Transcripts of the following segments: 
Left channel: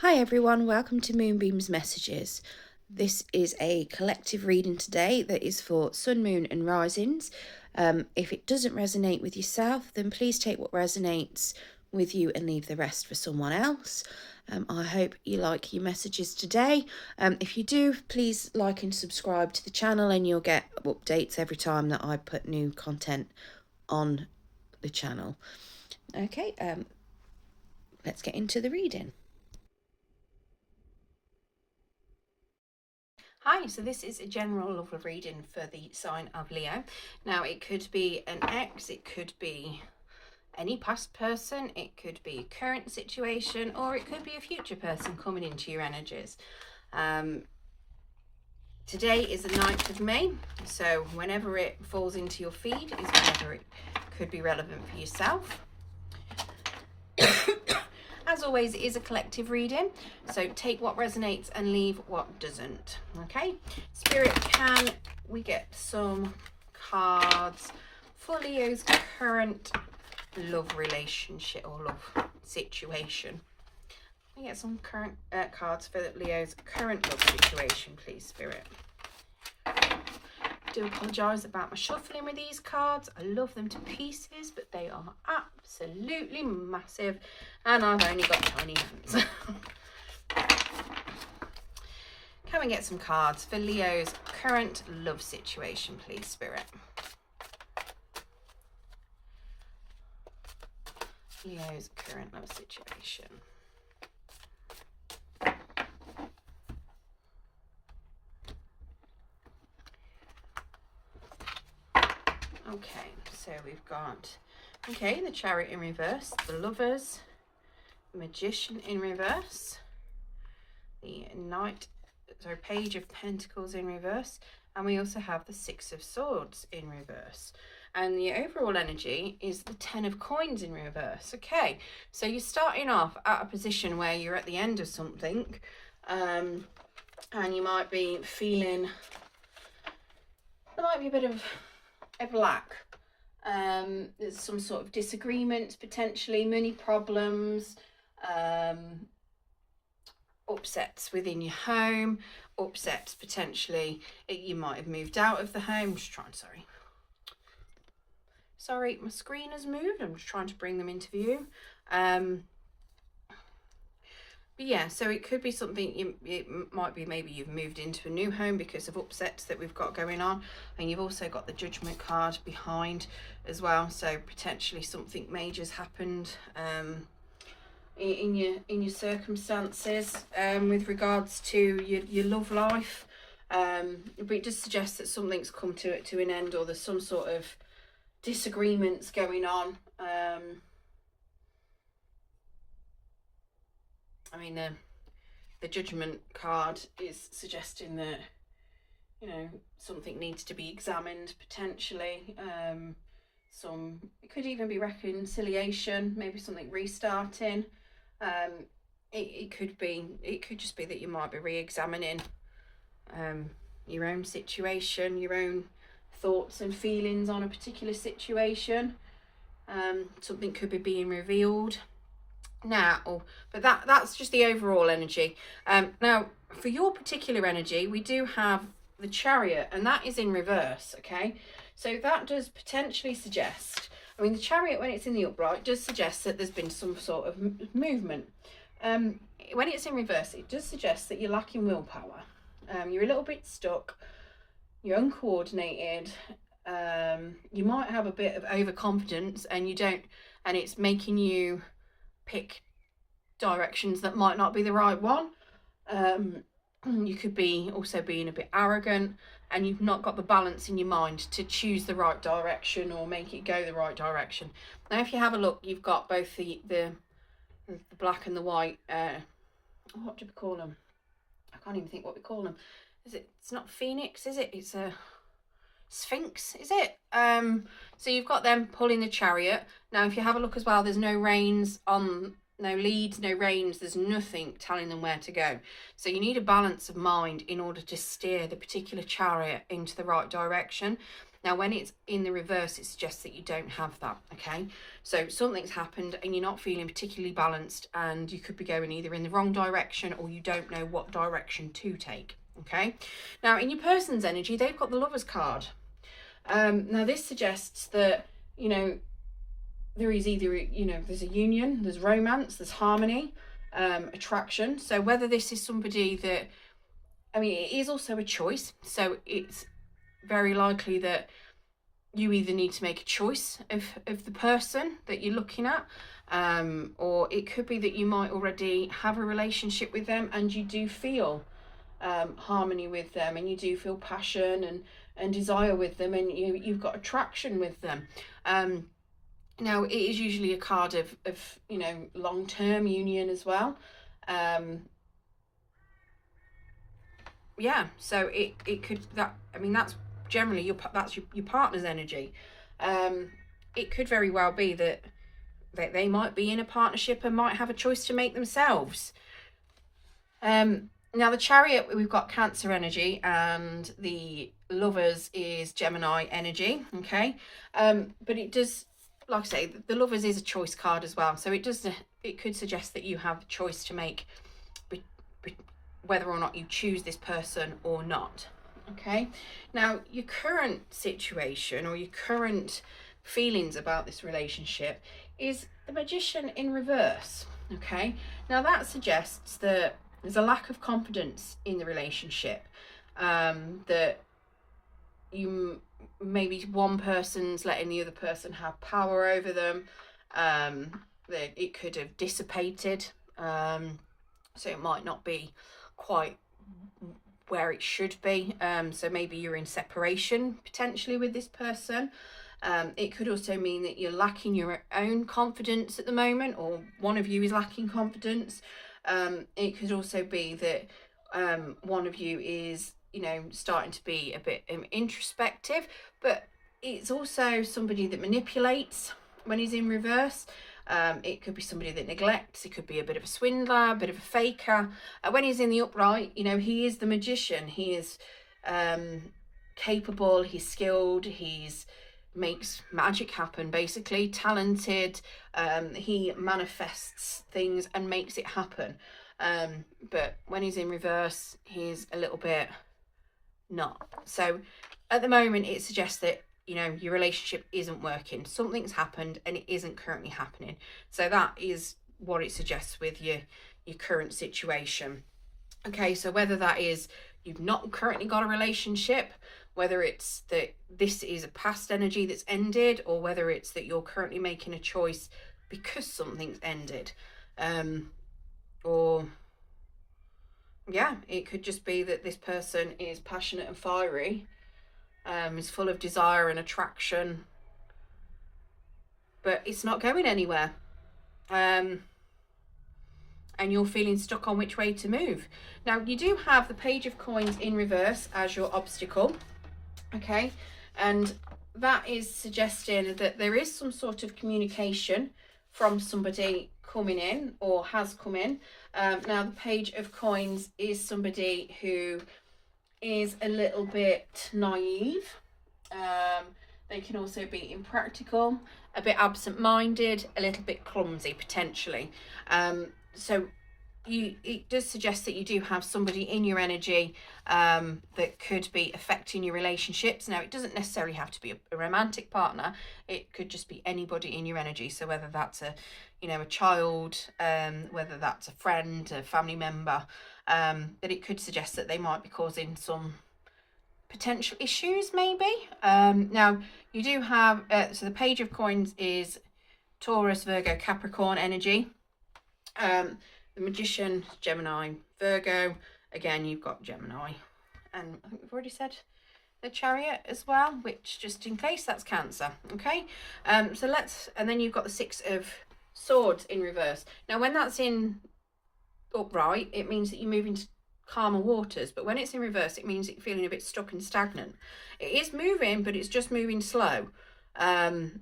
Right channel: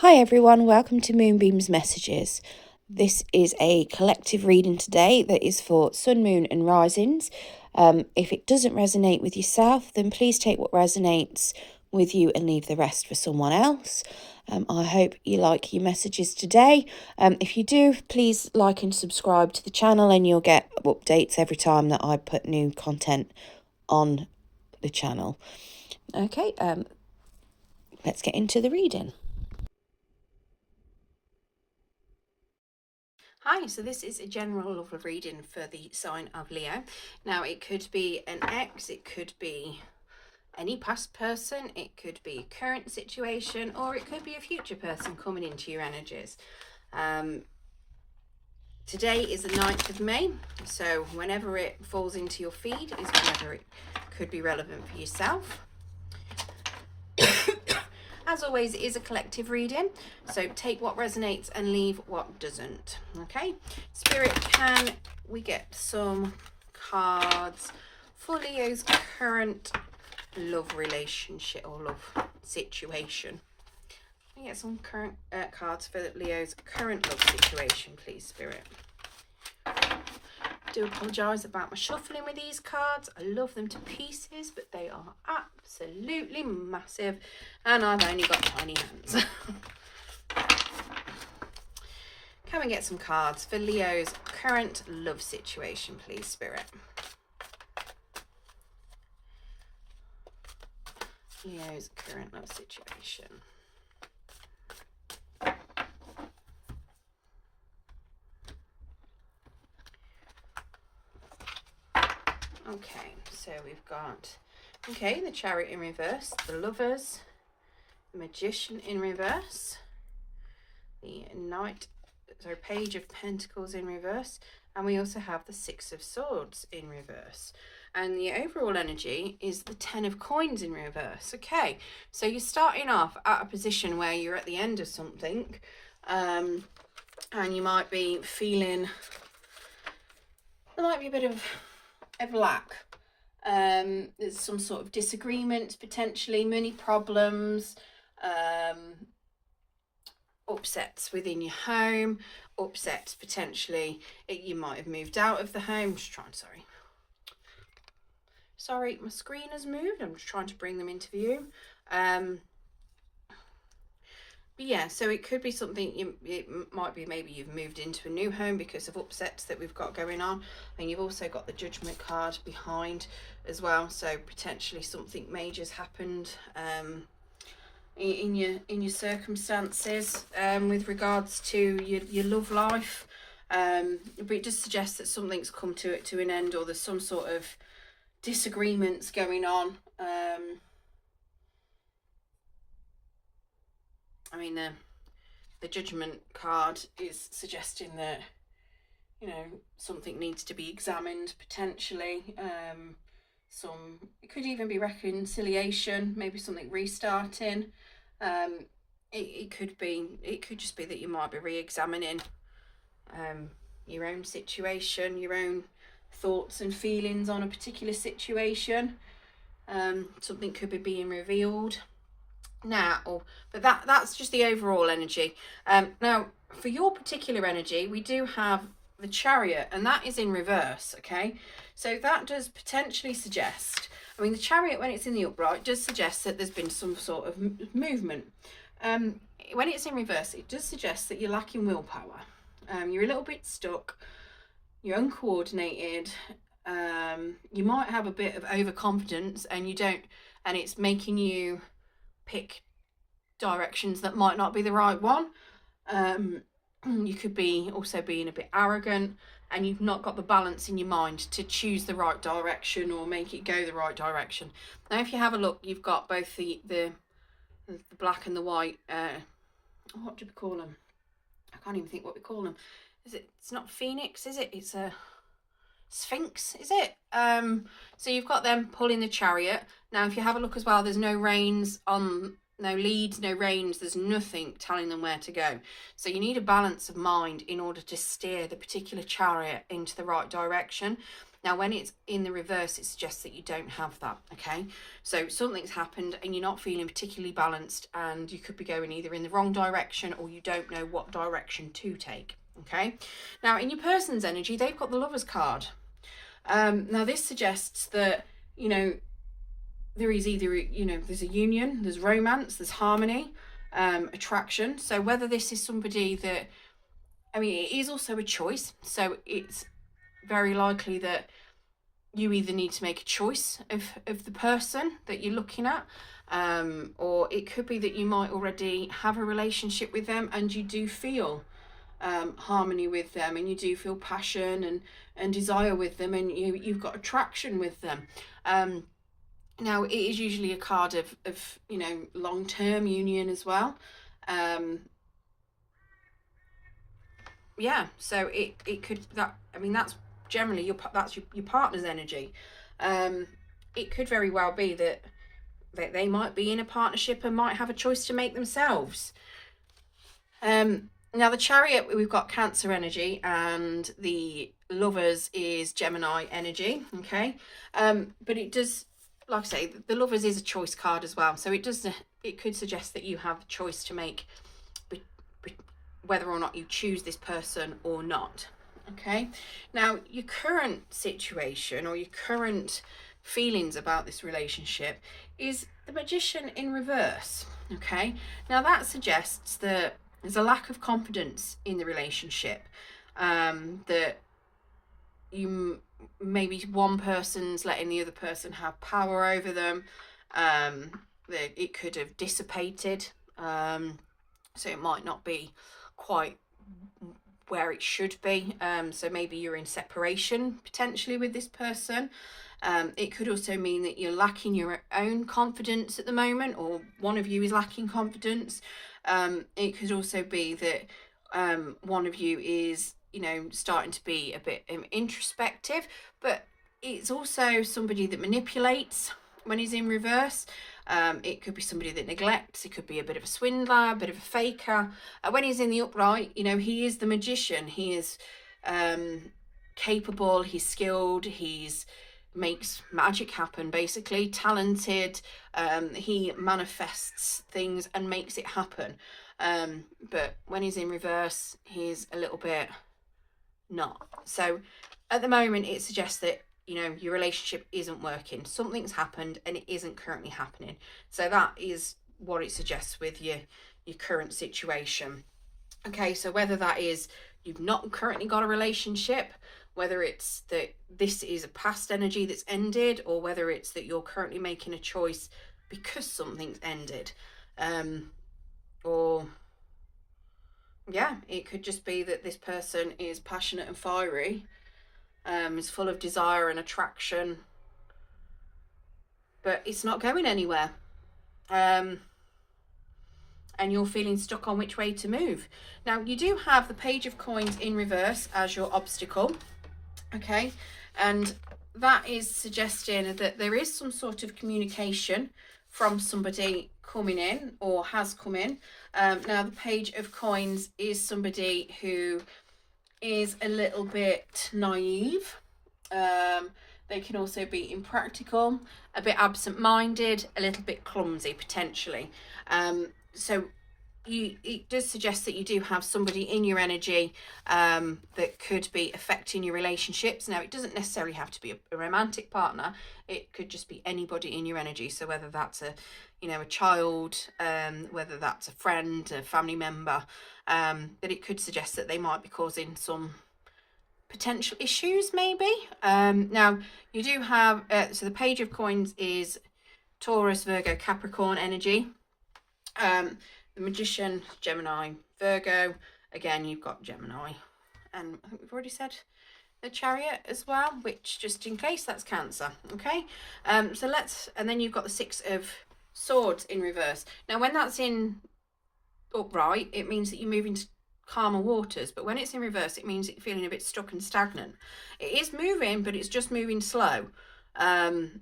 Hi everyone, welcome to Moonbeam's Messages. This is a collective reading today that is for Sun, Moon and Risings. If it doesn't resonate with yourself, then please take what resonates with you and leave the rest for someone else. I hope you like your messages today. If you do, please like and subscribe to the channel and you'll get updates every time that I put new content on the channel. Okay, let's get into the reading. Hi, so this is a general love reading for the sign of Leo. Now, it could be an ex, it could be any past person, it could be a current situation, or it could be a future person coming into your energies. Today is the 9th of May, so whenever it falls into your feed is whenever it could be relevant for yourself. As always, it is a collective reading, so take what resonates and leave what doesn't. Okay, Spirit, can we get some cards for Leo's current love relationship or love situation? Can we get some current cards for Leo's current love situation, please, Spirit? I do apologise about my shuffling with these cards. I love them to pieces, but they are absolutely massive and I've only got tiny hands. Can we get some cards for Leo's current love situation, please, Spirit? Leo's current love situation. Okay, so we've got, the Chariot in reverse, the Lovers, the Magician in reverse, the Page of Pentacles in reverse, and we also have the Six of Swords in reverse. And the overall energy is the 10 of Coins in reverse. Okay, so you're starting off at a position where you're at the end of something, and you might be feeling, there might be a bit of lack. There's some sort of disagreements, potentially money problems, upsets within your home, upsets potentially, you might have moved out of the home. Sorry, my screen has moved. I'm just trying to bring them into view. But yeah, so it could be something, it might be maybe you've moved into a new home because of upsets that we've got going on. And you've also got the Judgment card behind as well. So potentially something major's happened in your circumstances with regards to your love life. But it does suggest that something's come to an end, or there's some sort of disagreements going on. I mean, the Judgment card is suggesting that, something needs to be examined potentially. It could even be reconciliation, maybe something restarting. It could just be that you might be re-examining your own situation, your own thoughts and feelings on a particular situation. Something could be being revealed now, but that's just the overall energy. Now for your particular energy, we do have the Chariot, and that is in reverse. Okay, so that does potentially suggest, the Chariot, when it's in the upright, does suggest that there's been some sort of movement. When it's in reverse, it does suggest that you're lacking willpower. You're a little bit stuck, you're uncoordinated, you might have a bit of overconfidence, and it's making you pick directions that might not be the right one. You could be also being a bit arrogant, and you've not got the balance in your mind to choose the right direction or make it go the right direction. Now, if you have a look, you've got both the black and the white. What do we call them? I can't even think what we call them. It's not Phoenix, is it? It's a Sphinx, is it? So you've got them pulling the Chariot. Now, if you have a look as well, there's no reins on, no leads, no reins. There's nothing telling them where to go. So you need a balance of mind in order to steer the particular Chariot into the right direction. Now, when it's in the reverse, it suggests that you don't have that, okay? So something's happened and you're not feeling particularly balanced, and you could be going either in the wrong direction or you don't know what direction to take, okay? Now, in your person's energy, they've got the Lovers card. Now, this suggests that, you know, there is either, you know, there's a union, there's romance, there's harmony, attraction. So whether this is somebody that, I mean, it is also a choice. So it's very likely that you either need to make a choice of the person that you're looking at, or it could be that you might already have a relationship with them and you do feel harmony with them, and you do feel passion and desire with them, and you've got attraction with them. Now, it is usually a card of you know, long-term union as well. Yeah, so it could, that, I mean, that's generally your partner's energy. It could very well be that they might be in a partnership and might have a choice to make themselves. Now, the Chariot, we've got Cancer energy, and the Lovers is Gemini energy, okay? But it does, like I say, the Lovers is a choice card as well. So it could suggest that you have a choice to make whether or not you choose this person or not, okay? Now, your current situation or your current feelings about this relationship is the Magician in reverse, okay? Now, that suggests that there's a lack of confidence in the relationship, that you, maybe one person's letting the other person have power over them, that it could have dissipated, so it might not be quite where it should be. So maybe you're in separation potentially with this person. It could also mean that you're lacking your own confidence at the moment, or one of you is lacking confidence. It could also be that one of you is, you know, starting to be a bit introspective, but it's also somebody that manipulates when he's in reverse. It could be somebody that neglects. It could be a bit of a swindler, a bit of a faker. When he's in the upright, you know, he is the magician. He is capable, he's skilled, he's makes magic happen, basically, talented. He manifests things and makes it happen. But when he's in reverse, he's a little bit not. So at the moment, it suggests that, you know, your relationship isn't working. Something's happened and it isn't currently happening. So that is what it suggests with your current situation. Okay, so whether that is you've not currently got a relationship, whether it's that this is a past energy that's ended, or whether it's that you're currently making a choice because something's ended, or yeah, it could just be that this person is passionate and fiery, is full of desire and attraction, but it's not going anywhere, and you're feeling stuck on which way to move. Now, you do have the Page of Coins in reverse as your obstacle, okay, and that is suggesting that there is some sort of communication from somebody coming in or has come in. Now, the Page of Coins is somebody who is a little bit naive. They can also be impractical, a bit absent-minded, a little bit clumsy potentially. So it does suggest that you do have somebody in your energy that could be affecting your relationships. Now, it doesn't necessarily have to be a romantic partner. It could just be anybody in your energy. So whether that's a, you know, a child, whether that's a friend, a family member, but it could suggest that they might be causing some potential issues maybe. Now, you do have, so the Page of Coins is Taurus, Virgo, Capricorn energy. The Magician, Gemini, Virgo. Again, you've got Gemini. And I think we've already said the Chariot as well, which, just in case, that's Cancer. Okay, so let's, and then you've got the Six of Swords in reverse. Now, when that's in upright, it means that you move into calmer waters, but when it's in reverse, it means that you're feeling a bit stuck and stagnant. It is moving, but it's just moving slow, and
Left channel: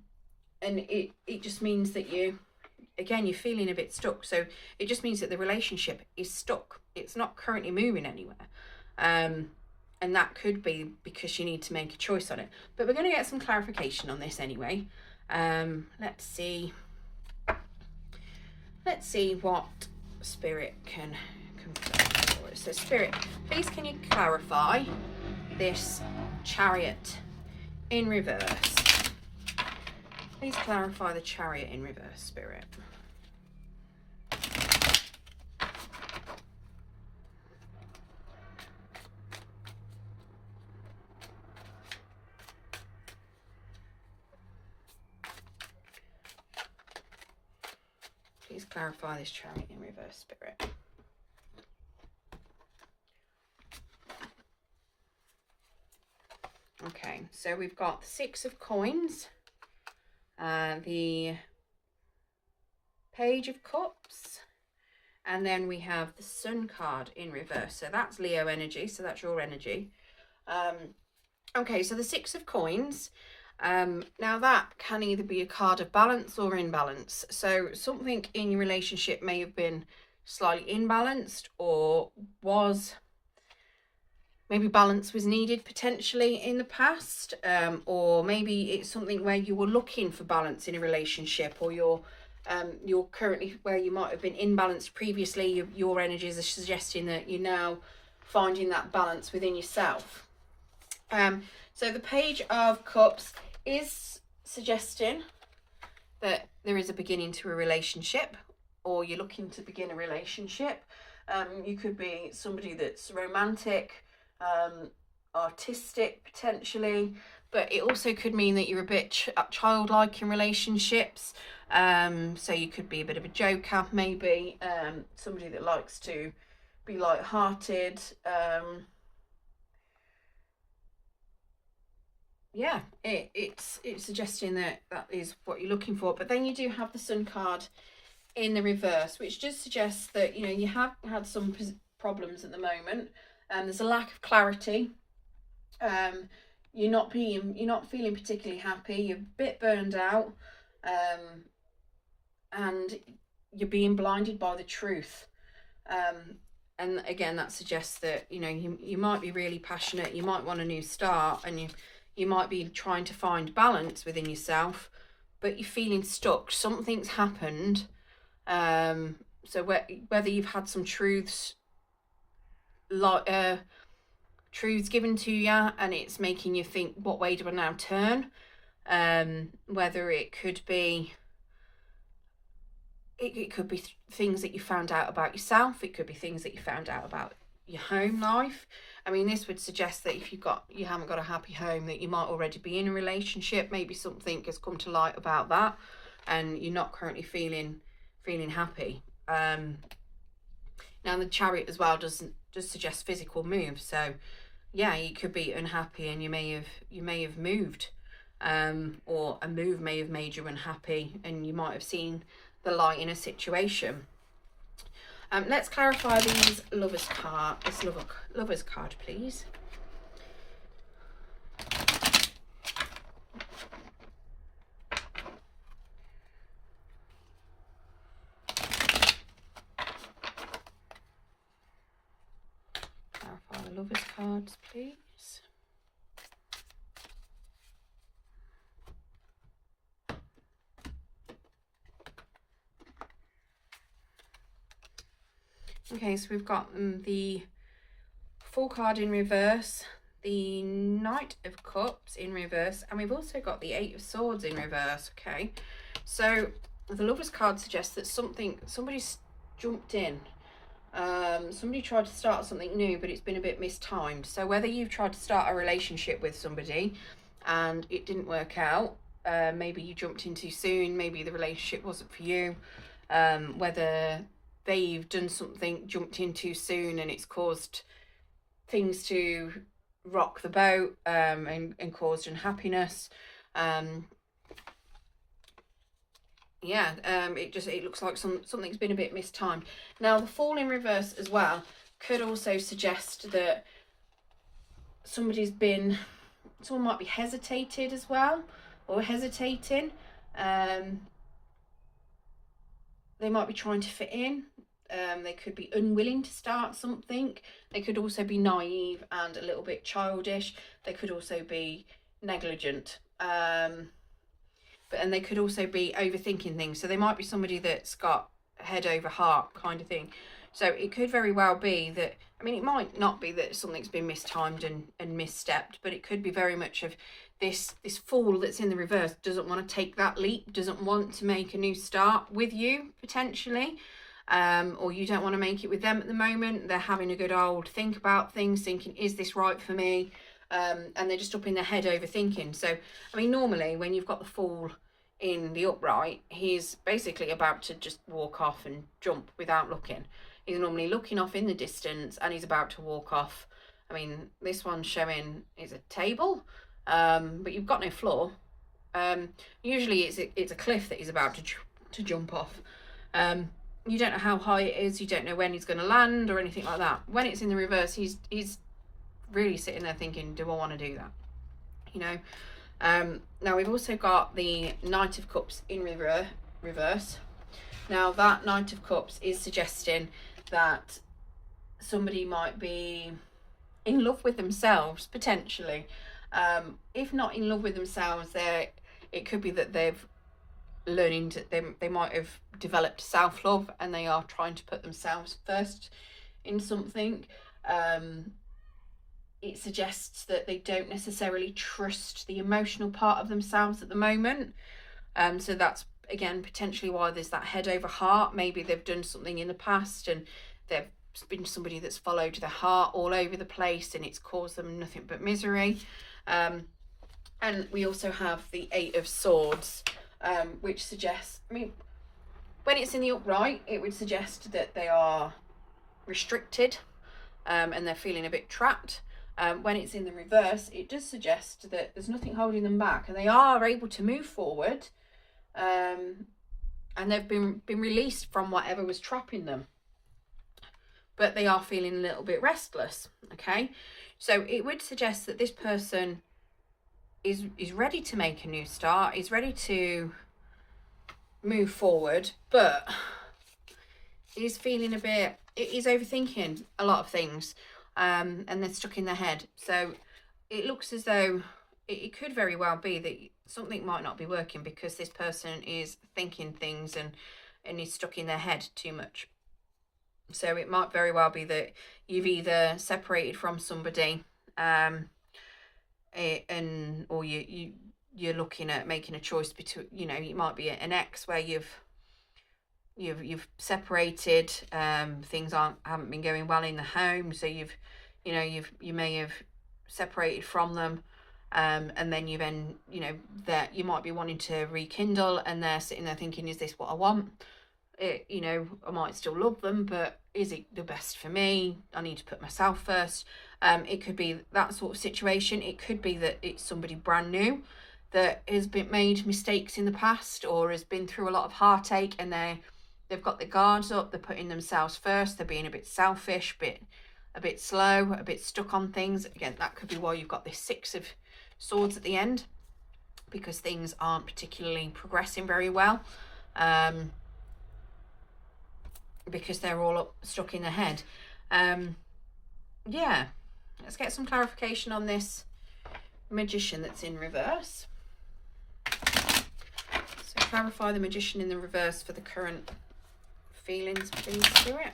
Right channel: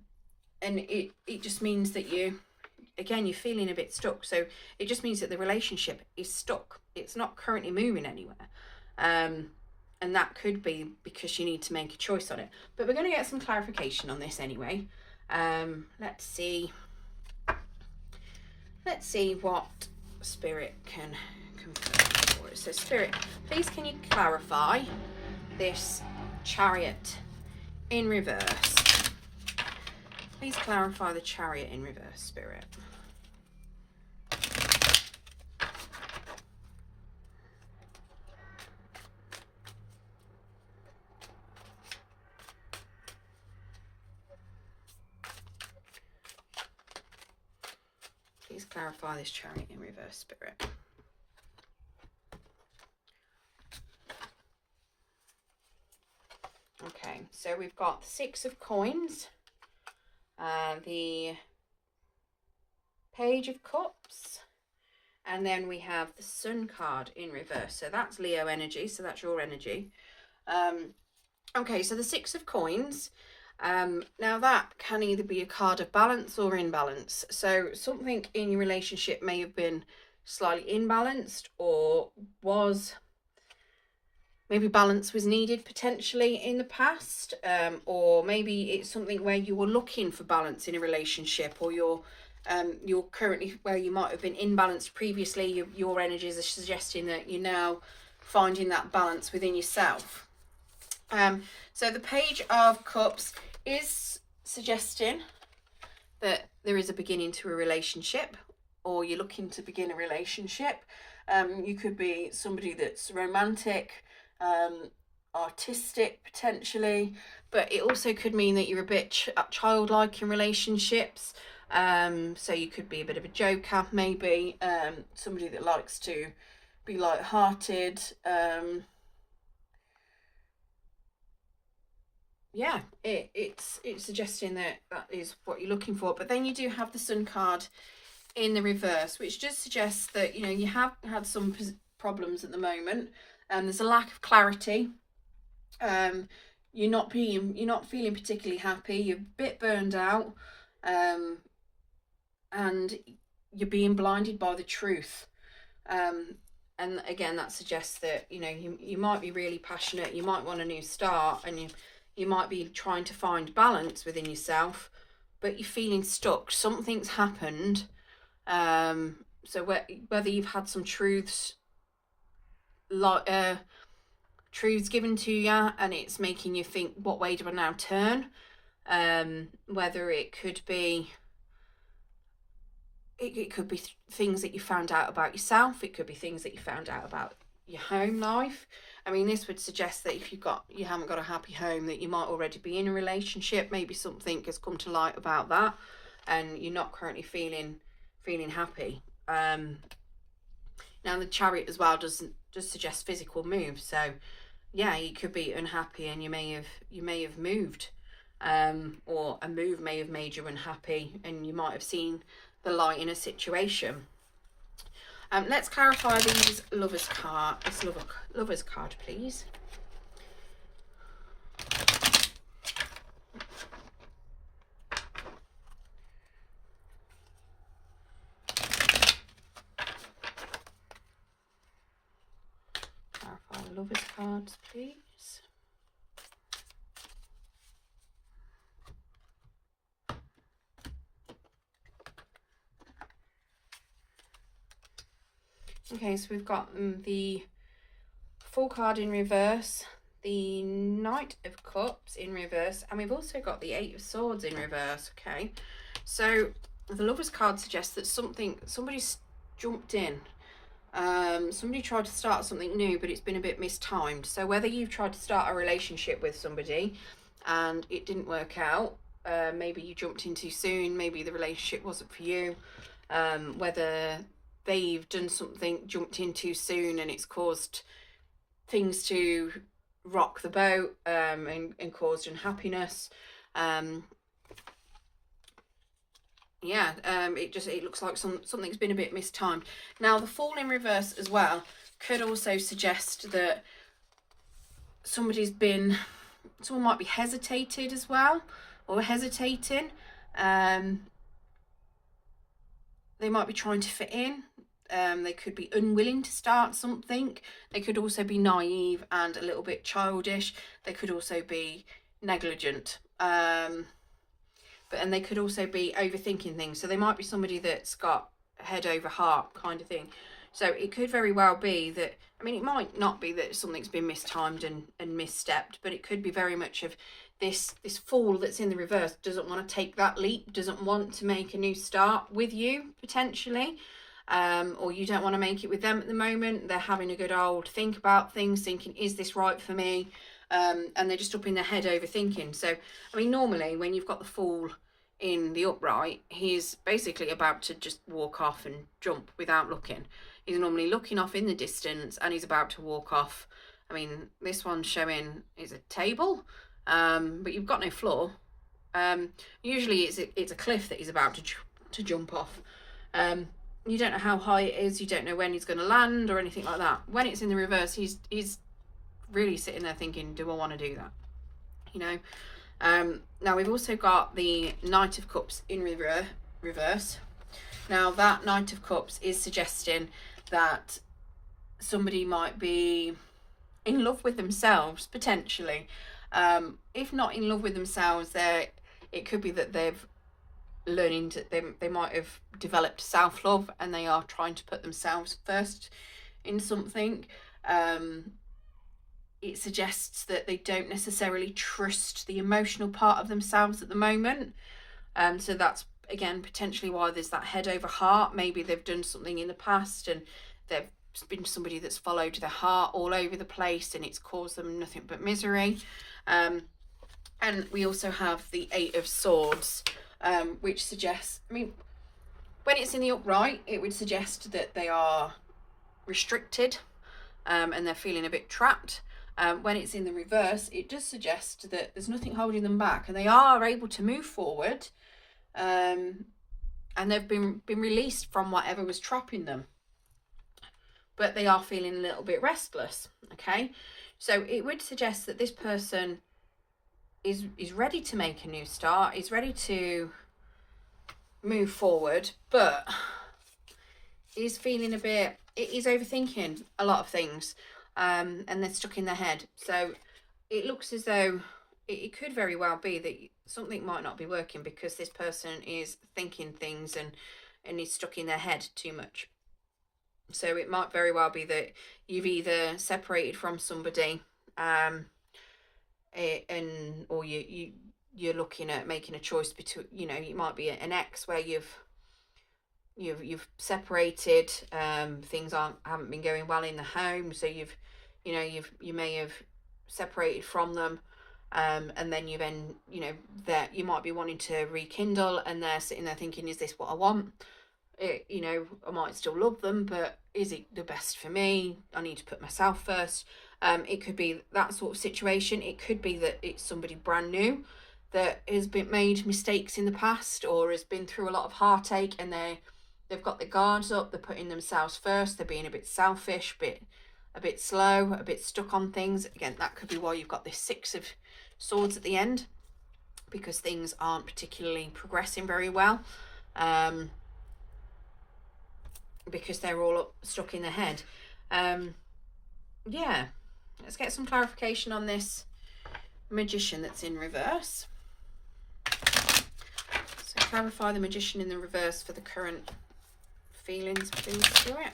it just means that you're feeling a bit stuck. So it just means that the relationship is stuck. It's not currently moving anywhere, and And that could be because you need to make a choice on it. But we're going to get some clarification on this anyway. Let's see what Spirit can confirm for us. So Spirit, please can you clarify this Chariot in reverse? Please clarify the Chariot in reverse, Spirit. Please clarify this Chariot in reverse, Spirit. Okay, so we've got the Six of Coins, the Page of Cups, and then we have the Sun card in reverse. So that's Leo energy, so that's your energy. Okay, so the Six of Coins, now that can either be a card of balance or imbalance. So something in your relationship may have been slightly imbalanced, or maybe balance was needed potentially in the past, or maybe it's something where you were looking for balance in a relationship, or you're currently where you might have been imbalanced previously. Your energies are suggesting that you're now finding that balance within yourself. So the Page of Cups is suggesting that there is a beginning to a relationship, or you're looking to begin a relationship. You could be somebody that's romantic, artistic potentially, but it also could mean that you're a bit childlike in relationships. So you could be a bit of a joker, maybe, somebody that likes to be light-hearted. Yeah, it's suggesting that is what you're looking for. But then you do have the Sun card in the reverse, which just suggests that, you know, you have had some problems at the moment, and there's a lack of clarity. You're not feeling particularly happy. You're a bit burned out, and you're being blinded by the truth. And again, that suggests that, you know, you might be really passionate. You might want a new start, and you might be trying to find balance within yourself, but you're feeling stuck. Something's happened. So whether you've had some truths given to you, and it's making you think, what way do I now turn? Whether it could be things that you found out about yourself. It could be things that you found out about your home life. I mean, this would suggest that if you haven't got a happy home, that you might already be in a relationship. Maybe something has come to light about that, and you're not currently feeling happy. Now the Chariot as well does suggest physical moves. So yeah, you could be unhappy, and you may have moved, or a move may have made you unhappy, and you might have seen the light in a situation. Let's clarify these Lovers card. This Lovers card, please. Clarify the Lovers cards, please. Okay, so we've got the Fool card in reverse, the Knight of Cups in reverse, and we've also got the Eight of Swords in reverse. Okay, so the Lovers card suggests that somebody's jumped in. Somebody tried to start something new, but it's been a bit mistimed. So whether you've tried to start a relationship with somebody and it didn't work out, maybe you jumped in too soon, maybe the relationship wasn't for you, whether they've done something, jumped in too soon, and it's caused things to rock the boat, and caused unhappiness. It looks like something's been a bit mistimed. Now the Fool in reverse as well could also suggest that someone might be hesitated as well, or hesitating. They might be trying to fit in. They could be unwilling to start something. They could also be naive and a little bit childish. They could also be negligent. And they could also be overthinking things. So they might be somebody that's got head over heart kind of thing. So it could very well be that, I mean, it might not be that something's been mistimed and misstepped, but it could be very much of this fool that's in the reverse doesn't want to take that leap, doesn't want to make a new start with you, potentially. Or you don't want to make it with them at the moment. They're having a good old think about things, thinking, is this right for me? And they're just up in their head overthinking. So, I mean, normally when you've got the fool in the upright, he's basically about to just walk off and jump without looking. He's normally looking off in the distance and he's about to walk off. I mean, this one's showing is a table, but you've got no floor. Usually it's a cliff that he's about to jump off. You don't know how high it is. You don't know when he's going to land or anything like that. When it's in the reverse, he's really sitting there thinking, do I want to do that? You know. Now we've also got the Knight of Cups in reverse. Now that Knight of Cups is suggesting that somebody might be in love with themselves, potentially. If not in love with themselves, it could be that they've learning to, they might have developed self-love and they are trying to put themselves first in something. It suggests that they don't necessarily trust the emotional part of themselves at the moment. So that's, again, potentially why there's that head over heart. Maybe they've done something in the past and they've been somebody that's followed their heart all over the place and it's caused them nothing but misery. And we also have the Eight of Swords, which suggests, I mean, when it's in the upright, it would suggest that they are restricted and they're feeling a bit trapped. When it's in the reverse, it does suggest that there's nothing holding them back and they are able to move forward, and they've been released from whatever was trapping them, but they are feeling a little bit restless. Okay, so it would suggest that this person is ready to make a new start, is ready to move forward, but is feeling a bit, is overthinking a lot of things. And they're stuck in their head. So it looks as though it could very well be that something might not be working because this person is thinking things and is stuck in their head too much. So it might very well be that you've either separated from somebody, or you're looking at making a choice between, you know, it might be an ex where you've separated, things haven't been going well in the home, so you may have separated from them, and then that you might be wanting to rekindle and they're sitting there thinking, is this what I want? I might still love them, but is it the best for me? I need to put myself first. It could be that sort of situation. It could be that it's somebody brand new that has made mistakes in the past or has been through a lot of heartache and they've got their guards up, they're putting themselves first, they're being a bit selfish, a bit slow, a bit stuck on things. Again, that could be why you've got this Six of Swords at the end, because things aren't particularly progressing very well, because they're all stuck in their head. Yeah, let's get some clarification on this Magician that's in reverse. So clarify the Magician in the reverse for the current feelings, please, Spirit.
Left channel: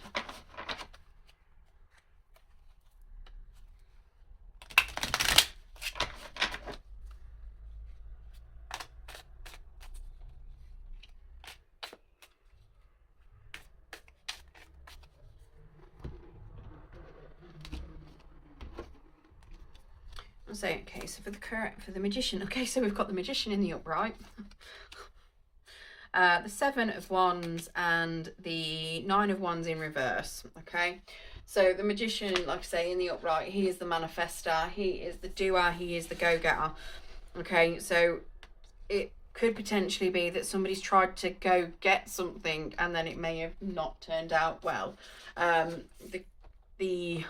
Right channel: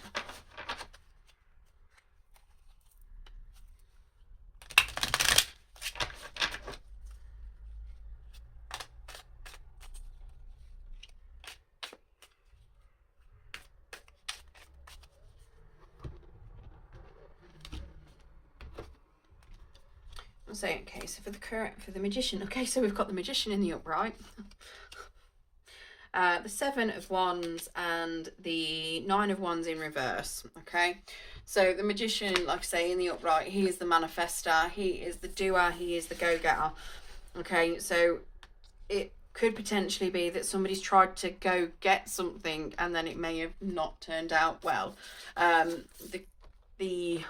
So, okay, so for the Magician, okay, so we've got the Magician in the upright, the Seven of Wands and the Nine of Wands in reverse. Okay, so the Magician, like I say, in the upright, he is the manifester, he is the doer, he is the go-getter. Okay, so it could potentially be that somebody's tried to go get something and then it may have not turned out well. The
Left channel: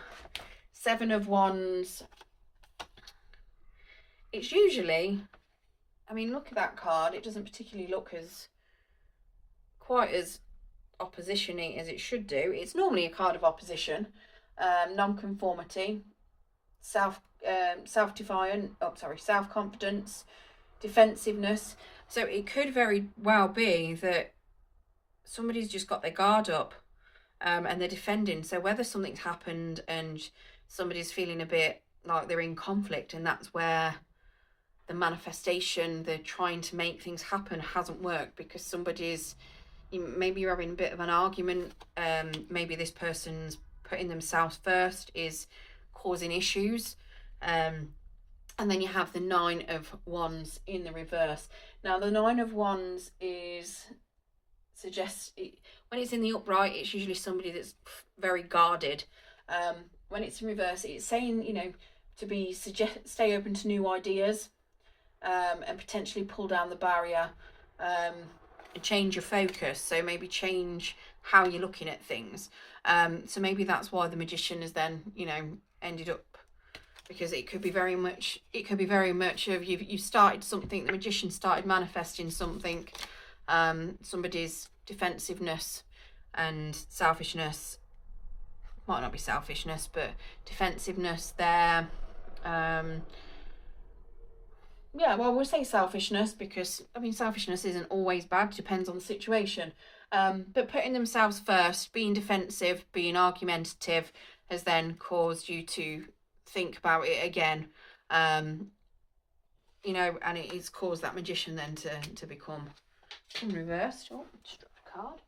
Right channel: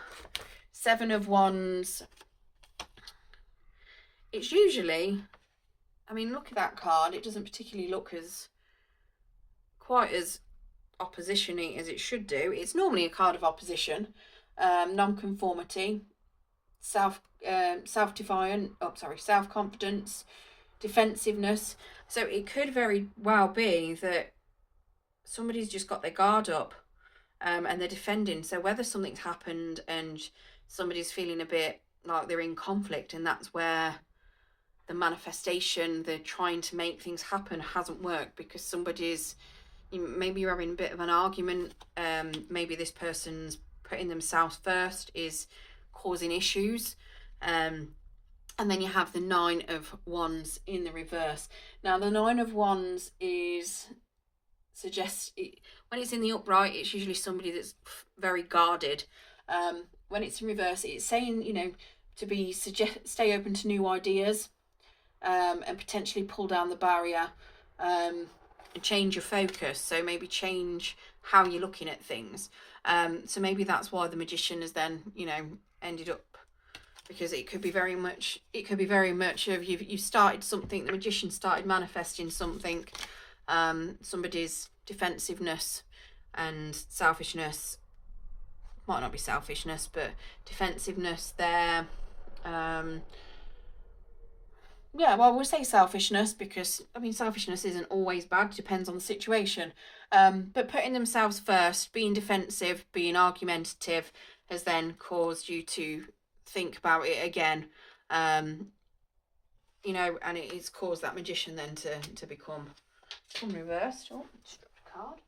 Seven of Wands, it's usually, I mean, look at that card, it doesn't particularly look quite as opposition-y as it should do. It's normally a card of opposition, non-conformity, self-confidence, defensiveness. So it could very well be that somebody's just got their guard up, and they're defending. So whether something's happened and somebody's feeling a bit like they're in conflict, and that's where the manifestation, the trying to make things happen, hasn't worked, because maybe you're having a bit of an argument, maybe this person's putting themselves first is causing issues, and then you have the 9 of Wands in the reverse. Now the 9 of Wands when it's in the upright, it's usually somebody that's very guarded. When it's in reverse, it's saying, stay open to new ideas, and potentially pull down the barrier, and change your focus. So maybe change how you're looking at things. So maybe that's why the Magician has then, ended up, because it could be very much of you started something, the Magician started manifesting something, somebody's defensiveness and selfishness, might not be selfishness, but defensiveness there. Yeah, well, we'll say selfishness, because selfishness isn't always bad, depends on the situation. But putting themselves first, being defensive, being argumentative, has then caused you to think about it again. And it's caused that Magician then to become reversed. Oh, just dropped a card.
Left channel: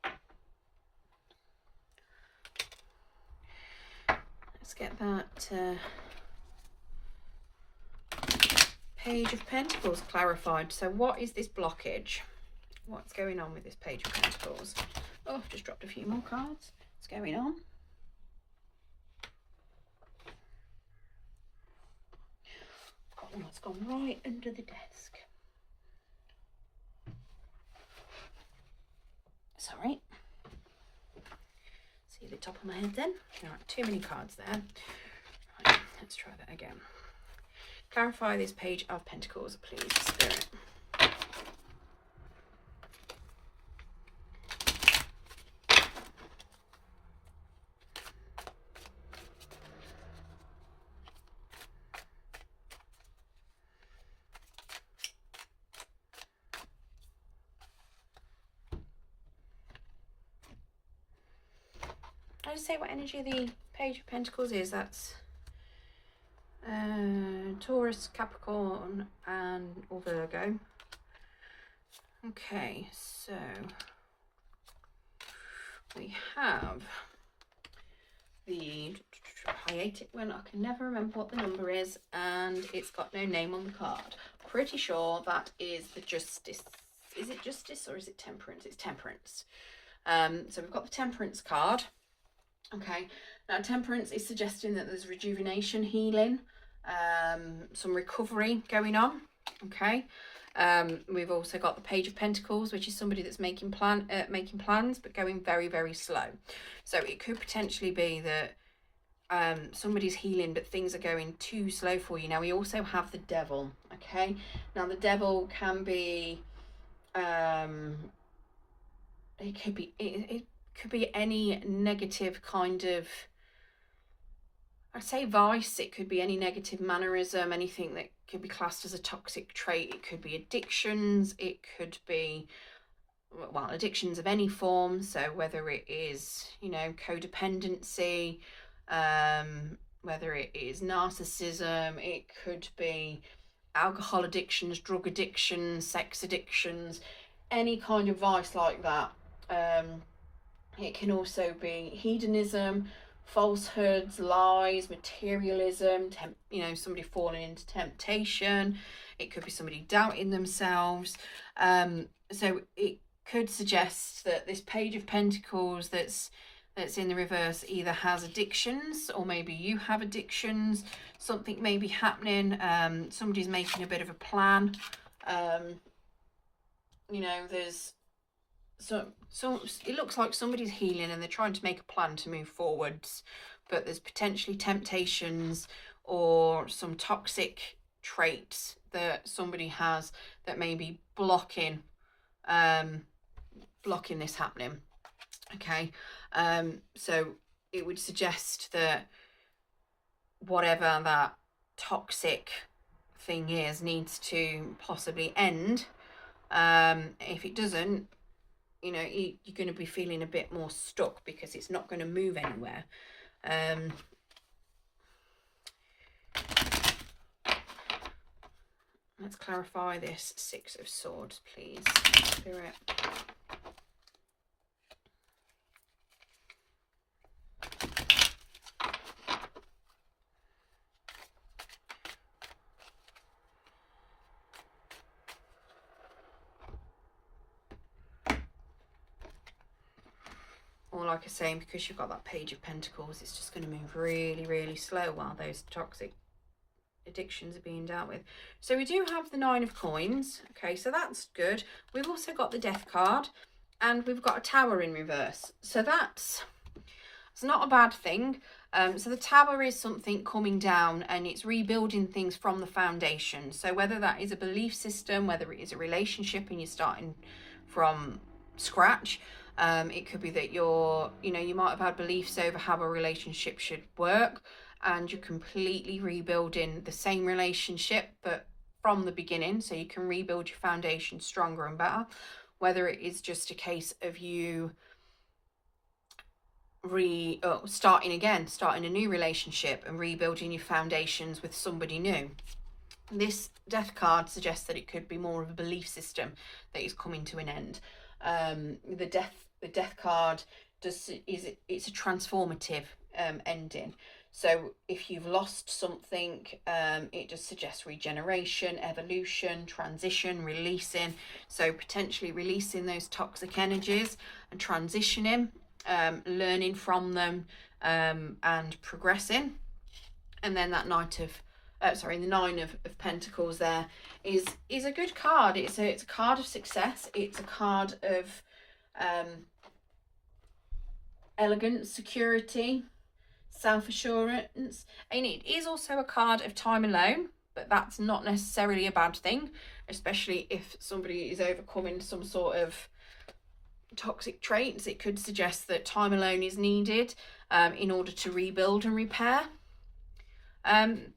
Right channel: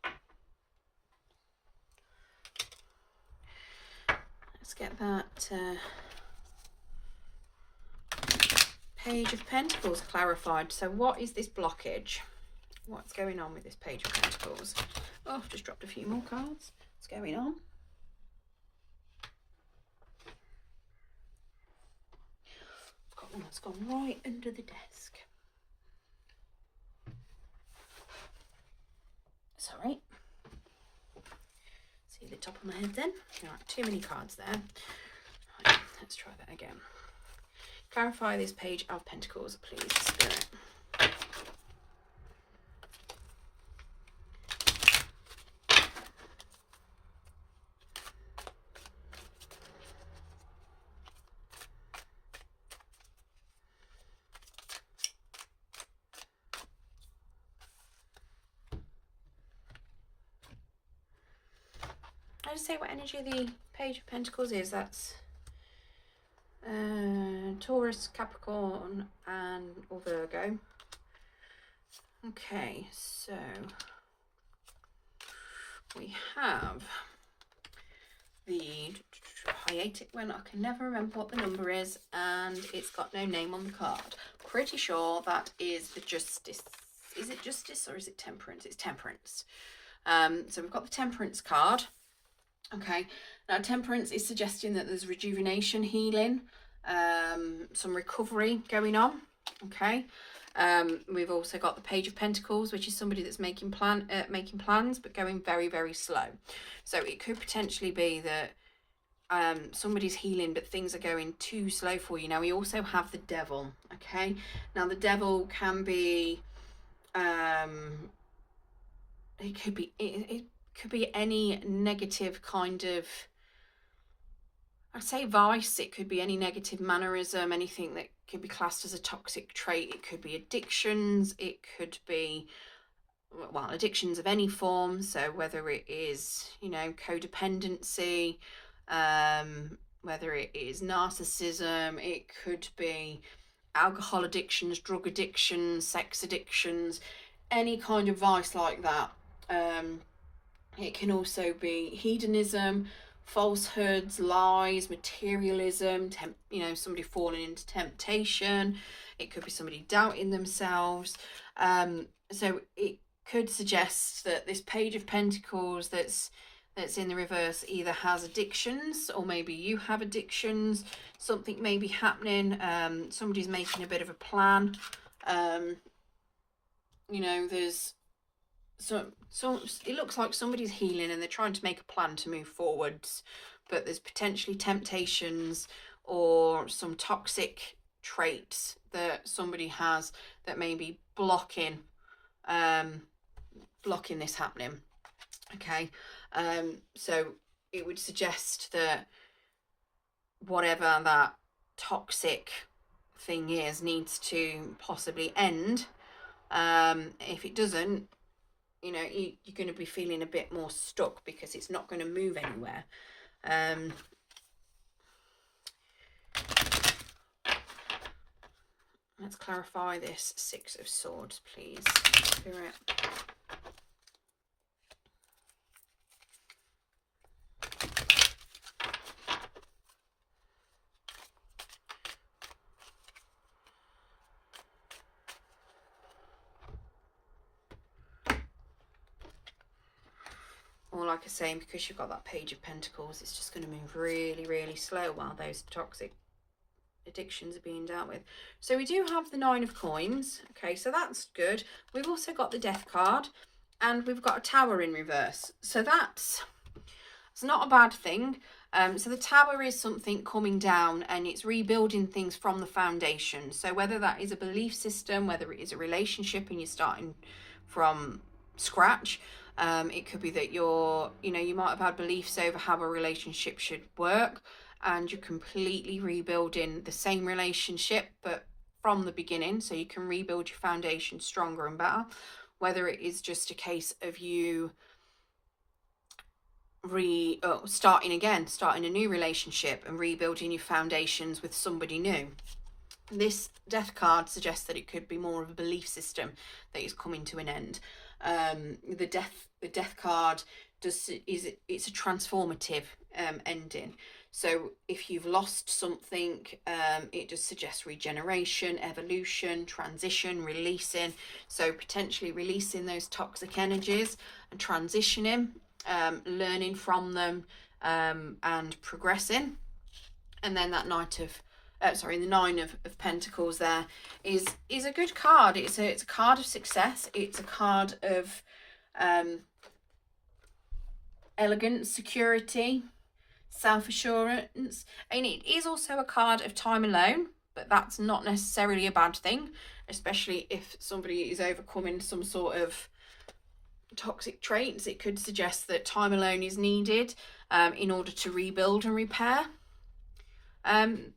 Let's get that Page of Pentacles clarified. So what is this blockage? What's going on with this Page of Pentacles? Oh, I've just dropped a few more cards. What's going on? I've got one that's gone right under the desk. Sorry. See the top of my head then? All right, too many cards there. Right, let's try that again. Clarify this Page of Pentacles, please, Spirit. I'll just say what energy the Page of Pentacles is. That's Taurus, Capricorn, or Virgo. Okay, so we have the hiatic one. I can never remember what the number is, and it's got no name on the card. Pretty sure that is the Justice. Is it Justice or is it Temperance? It's Temperance. So we've got the Temperance card. Okay, now Temperance is suggesting that there's rejuvenation, healing, some recovery going on. Okay, we've also got the Page of Pentacles, which is somebody that's making plans but going very, very slow. So it could potentially be that somebody's healing but things are going too slow for you. Now we also have the Devil. Okay, now the Devil can be it could be any negative kind of, I'd say, vice. It could be any negative mannerism, anything that could be classed as a toxic trait. It could be addictions. It could be, well, addictions of any form. So whether it is, codependency, whether it is narcissism, it could be alcohol addictions, drug addictions, sex addictions, any kind of vice like that. It can also be hedonism, falsehoods, lies, materialism, somebody falling into temptation. It could be somebody doubting themselves. So it could suggest that this Page of Pentacles that's in the reverse either has addictions, or maybe you have addictions. Something may be happening. Somebody's making a bit of a plan. There's so it looks like somebody's healing and they're trying to make a plan to move forwards, but there's potentially temptations or some toxic traits that somebody has that may be blocking this happening. Okay, so it would suggest that whatever that toxic thing is needs to possibly end. If it doesn't, you know, you're going to be feeling a bit more stuck because it's not going to move anywhere. Let's clarify this Six of Swords, please, Spirit. Or like I say, because you've got that Page of Pentacles, it's just going to move really, really slow while those toxic addictions are being dealt with. So we do have the Nine of Coins. Okay, so that's good. We've also got the Death card, and we've got a Tower in reverse. So it's not a bad thing. So the Tower is something coming down, and it's rebuilding things from the foundation. So whether that is a belief system, whether it is a relationship and you're starting from scratch, it could be that you might have had beliefs over how a relationship should work, and you're completely rebuilding the same relationship, but from the beginning, so you can rebuild your foundation stronger and better. Whether it is just a case of you starting a new relationship and rebuilding your foundations with somebody new. This Death card suggests that it could be more of a belief system that is coming to an end. The death card it's a transformative ending. So if you've lost something, it just suggests regeneration, evolution, transition, releasing. So potentially releasing those toxic energies and transitioning, learning from them, and progressing. And then that the Nine of Pentacles there is a good card. It's a card of success. It's a card of elegance, security, self-assurance, and it is also a card of time alone, but that's not necessarily a bad thing, especially if somebody is overcoming some sort of toxic traits. It could suggest that time alone is needed in order to rebuild and repair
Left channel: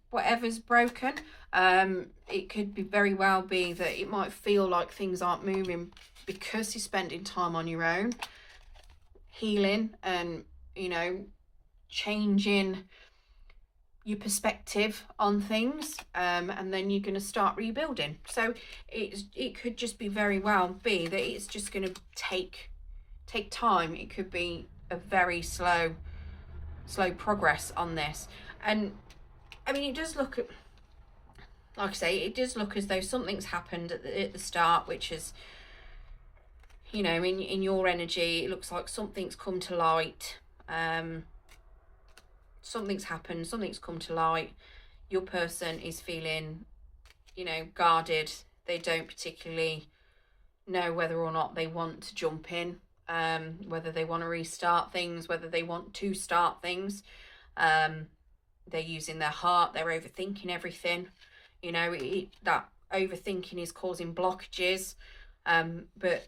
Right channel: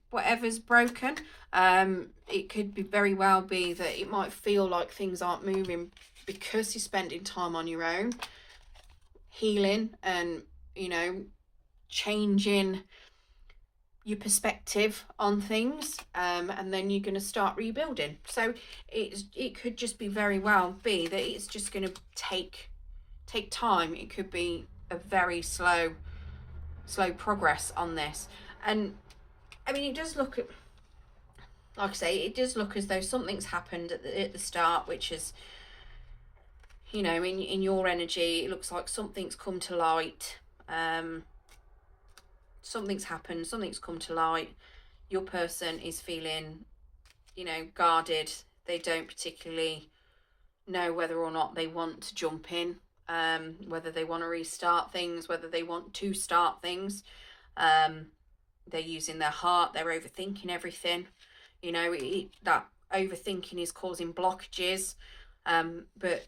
whatever's broken. It could be very well be that it might feel like things aren't moving because you're spending time on your own, healing and, changing your perspective on things, and then you're going to start rebuilding. So it could just be very well be that it's just going to take time. It could be a very slow progress on this. And I mean, it does look, like I say, it does look as though something's happened at the start, which is, in your energy, it looks like something's come to light. Something's happened, something's come to light. Your person is feeling, guarded. They don't particularly know whether or not they want to jump in, whether they want to restart things, whether they want to start things. They're using their heart, they're overthinking everything. That overthinking is causing blockages. But,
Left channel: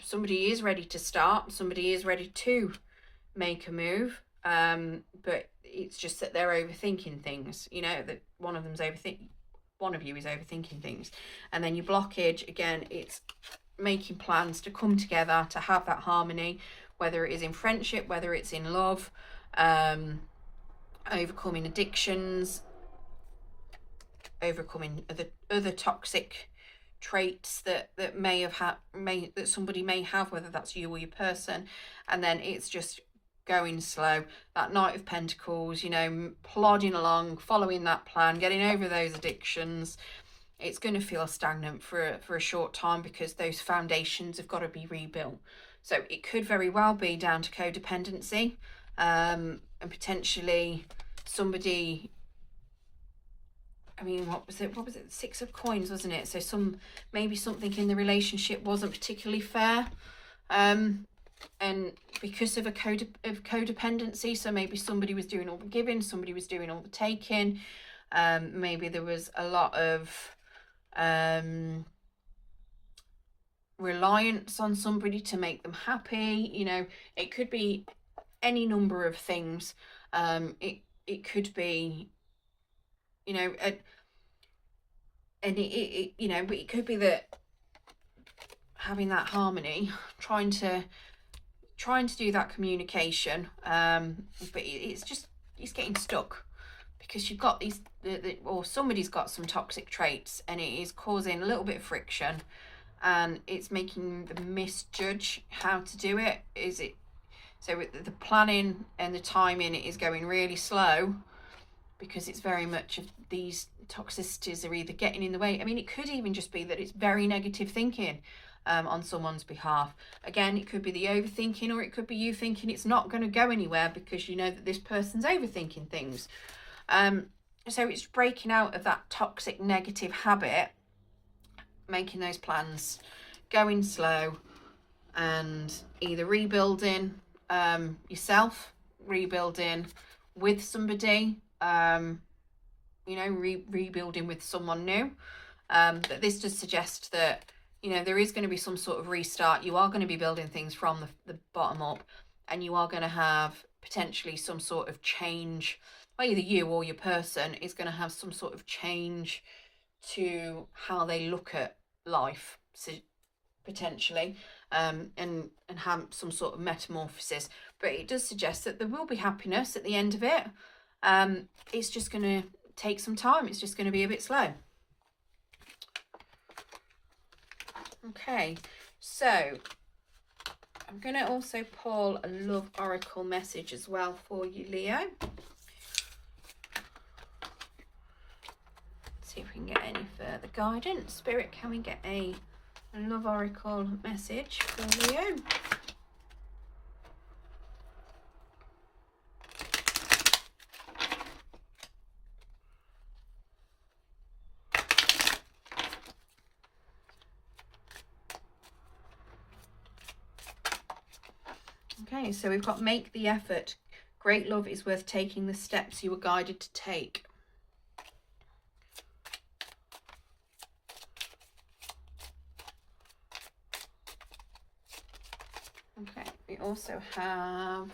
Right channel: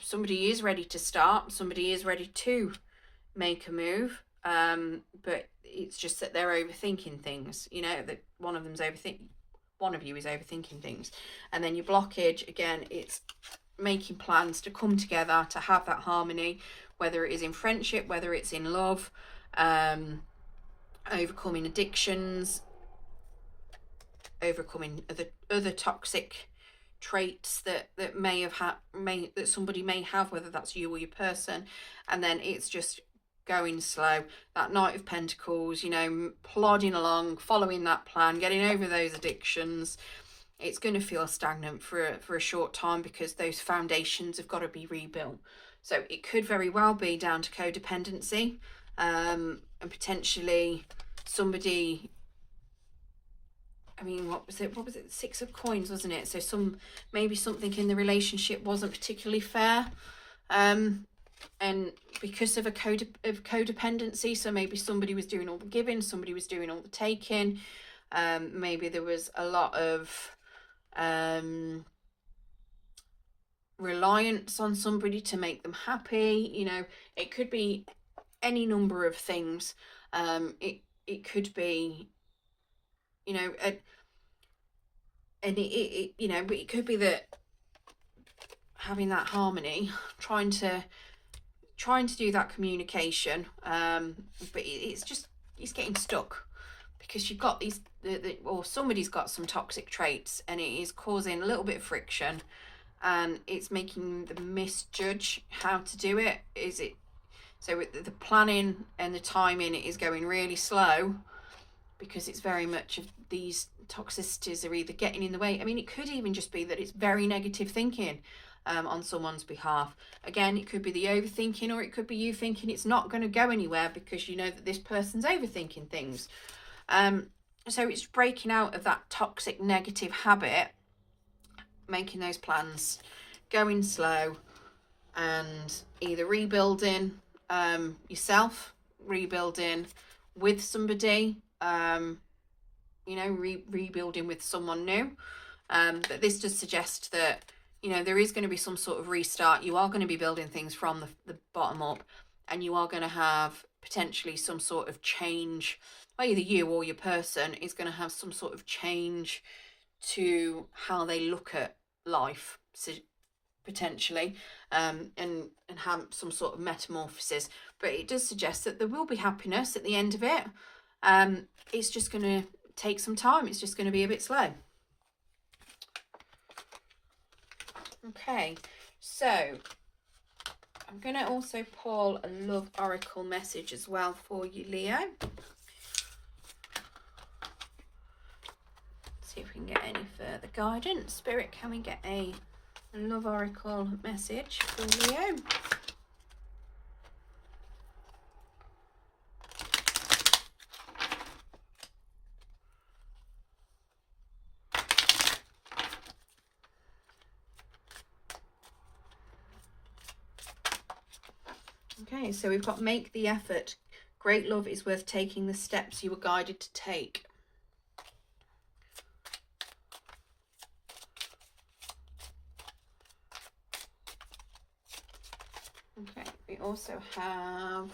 somebody is ready to start, somebody is ready to make a move. But it's just that they're overthinking things, that one of you is overthinking things. And then your blockage, again, it's making plans to come together, to have that harmony, whether it is in friendship, whether it's in love, overcoming addictions, overcoming other toxic traits that somebody may have, whether that's you or your person. And then it's just going slow. That Knight of Pentacles, plodding along, following that plan, getting over those addictions. It's going to feel stagnant for a short time because those foundations have got to be rebuilt. So it could very well be down to codependency, and potentially somebody, what was it? Six of Coins, wasn't it? So maybe something in the relationship wasn't particularly fair. And because of codependency, so maybe somebody was doing all the giving, somebody was doing all the taking. Maybe there was a lot of reliance on somebody to make them happy. You know, it could be any number of things. It could be, you know, you know, but it could be that having that harmony, trying to do that communication, but it's getting stuck because you've got these, or somebody's got some toxic traits, and it is causing a little bit of friction, and it's making them misjudge how to do it. So the planning and the timing is going really slow because it's very much of these toxicities are either getting in the way. I mean, it could even just be that it's very negative thinking on someone's behalf. Again, it could be the overthinking, or it could be you thinking it's not going to go anywhere because you know that this person's overthinking things. So it's breaking out of that toxic negative habit, making those plans, going slow, and either rebuilding yourself, rebuilding with somebody, you know, rebuilding with someone new. But this does suggest that, you know, there is going to be some sort of restart. You are going to be building things from the bottom up, and you are going to have potentially some sort of change. Either you or your person is going to have some sort of change to how they look at life, potentially, and have some sort of metamorphosis. But it does suggest that there will be happiness at the end of it. It's just going to take some time. It's just going to be a bit slow. Okay, so I'm going to also pull a love oracle message as well for you, Leo. See if we can get any further guidance. Spirit, can we get a love oracle message for Leo? Okay, so we've got make the effort. Great love is worth taking the steps you were guided to take. Okay, we also have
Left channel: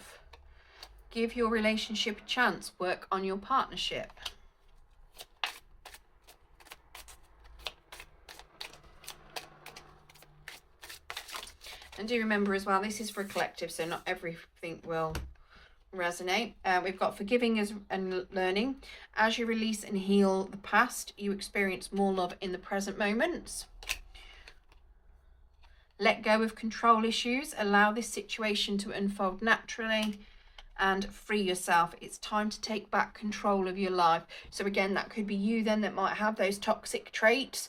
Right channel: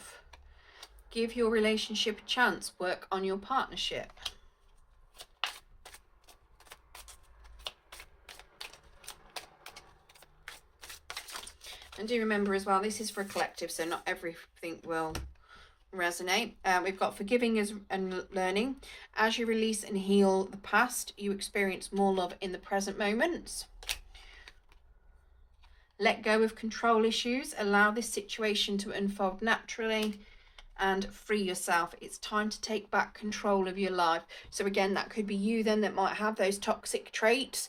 give your relationship a chance, work on your partnership. And do remember as well, this is for a collective, so not everything will resonate. We've got forgiving and learning. As you release and heal the past, you experience more love in the present moments. Let go of control issues. Allow this situation to unfold naturally and free yourself. It's time to take back control of your life. So again, that could be you then that might have those toxic traits.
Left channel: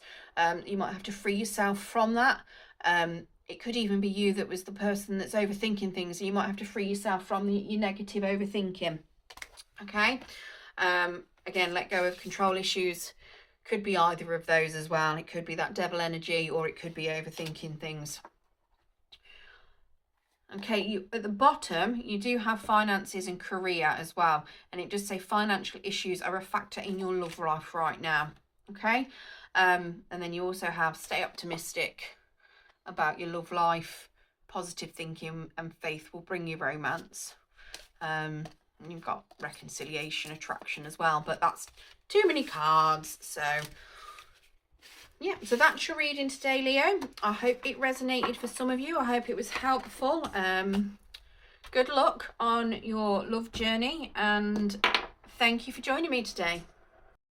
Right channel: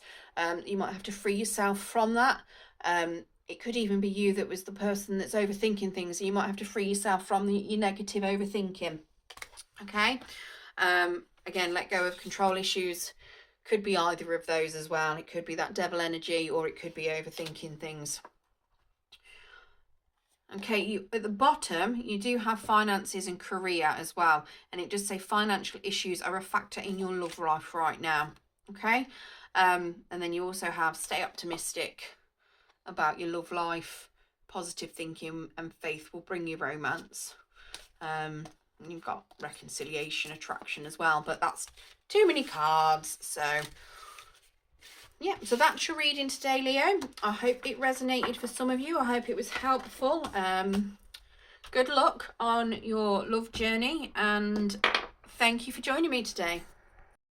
You might have to free yourself from that. It could even be you that was the person that's overthinking things. You might have to free yourself from your negative overthinking. Okay. Again, let go of control issues. Could be either of those as well. It could be that devil energy, or it could be overthinking things. Okay, at the bottom, you do have finances and career as well. And it does say financial issues are a factor in your love life right now. Okay. And then you also have stay optimistic about your love life. Positive thinking and faith will bring you romance. You've got reconciliation, attraction as well, but that's too many cards. So yeah, so that's your reading today, Leo. I hope it resonated for some of you. I hope it was helpful. Good luck on your love journey, and thank you for joining me today.